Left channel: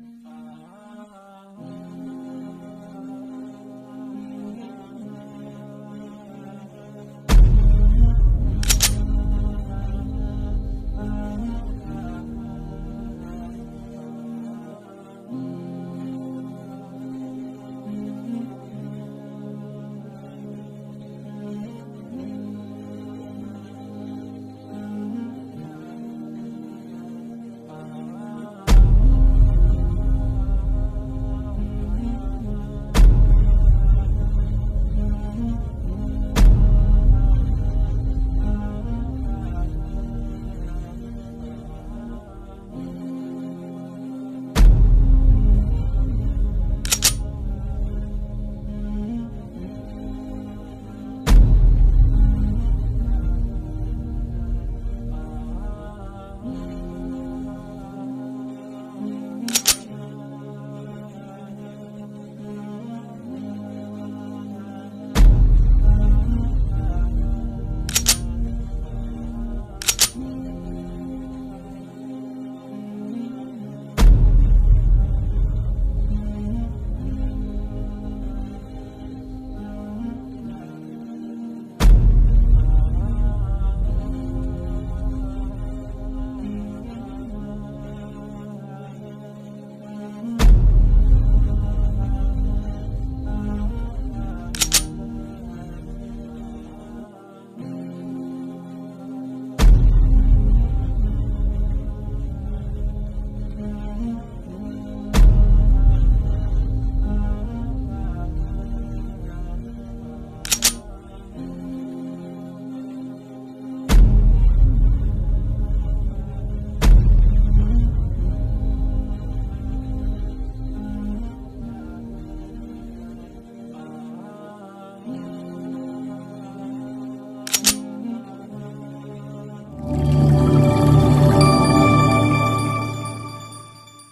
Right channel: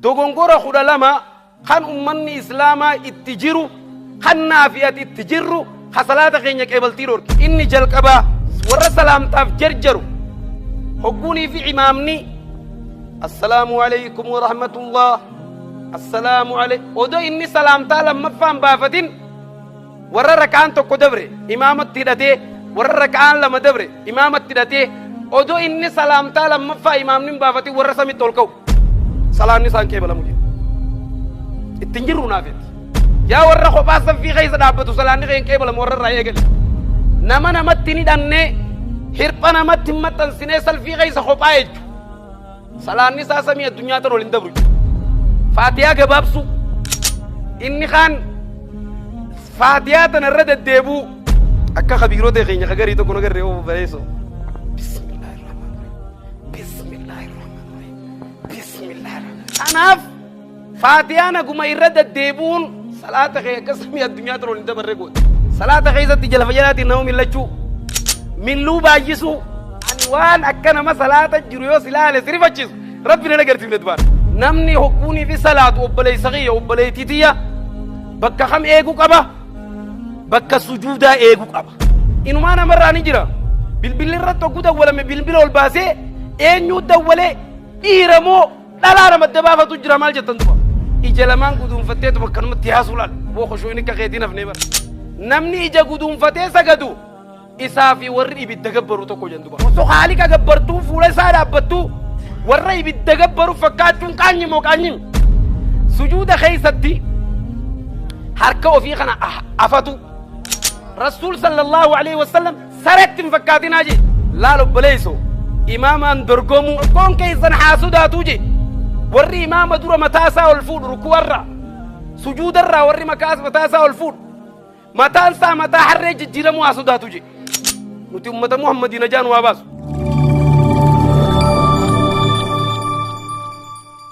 dogongora kudha lama kan ummanni islaamaa itti jiru kan naafiyati itti jirru ka salaata keenya qeebaltii dhorke inni jalqabaa warra salaamtaaf jarjaru hogguunii fi imaamni assalaamu alaykum wa rahmatullah assalaamu alaykum odo inni salaamtaa lammaffaan baafatin warra raka'aan tokko dabre imaamatti hidhatee warra raka'aan lama dabre imaamatti hidhatee odo inni salaamtaa lammaffaa imaamni baafatin warra samitti ol ka'u salaanni isaan qeebalamu ittiin jirru naafetti yaa warra kophaa saffii keessa dhaabbatu salaanni keenya qeebalamu warra irraa eegale nama namatti ni dhannee hirpha namatti maxxansinee salfii keessa kophaa jechu salaanni isaa samii addunyaa tan ol hin dabru faatiyaa gabaabsu inni kaan faatiyaa tan irra deddeebuu akka kabiirota keenya kagarii tokko nagarree oofu bareeso kanaaf faatiyaan aguma irra deddeebuun salaata kee akka samii addunyaa tan ol hin dabarre godhe salaata keessatti jalfa jalaatiin nama millachuu milluu baay'isuu ani waan akka nama salaata jiru yoo silaale sirifachiisu rabbi na agarsiifne dubaan namni hogguunii fi salaatu obboleessa kiyya obboleettii tiyya bakka kam eeguu qaba bakka sujuudaa eeguu qaba inumaa namarraa ni jira bilbilli irratti hogguu dawwalame bilbila ol baasee eenyuu dawwalee dhiiramoo dhalaa nama dabaafatu jira maal jettan duba ija lamaan guduunfatteetu bakkanumatti haasuu laal boo koshoo inni akka keetiin hafnee bara namni ija guduunfatee sagadu isaa fi warri ibidda gabbaru tokko jenduba osoo haaliqa gabbartuu fuula isaa dhaabbattuu warra ibidda gabbaru fakkaachuun qaanyi moo qaanyin sujuuda keessatti harka ofii kana afatu rasuul sallallahu alaihi wasallam saretti hin fakkaatinaa je laal obboleeyso imaamaan dorgomu koon keessan haasudaatu je warri imaama dura mataasaa ol fuudhu rukuwarra sujuudarraa warri mataasaa ol fuudhu mataan isaa mataa harree jijjiiramuu haasudaatu je nuti ummata muhammadina jaan waa baasu